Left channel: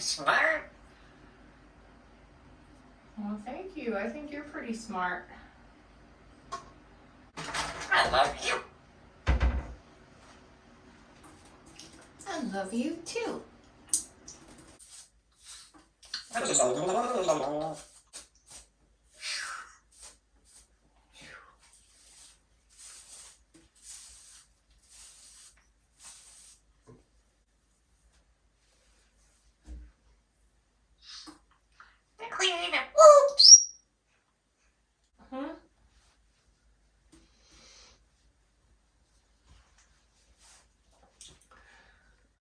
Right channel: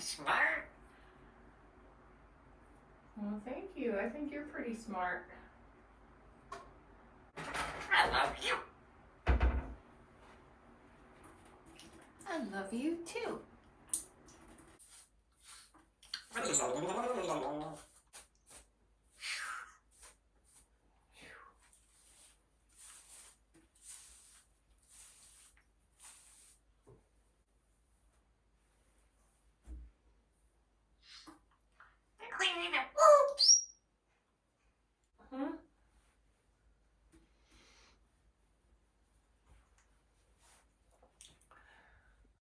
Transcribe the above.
Smart. Well, thank you. I think you're pretty smart. I love you. I love you too.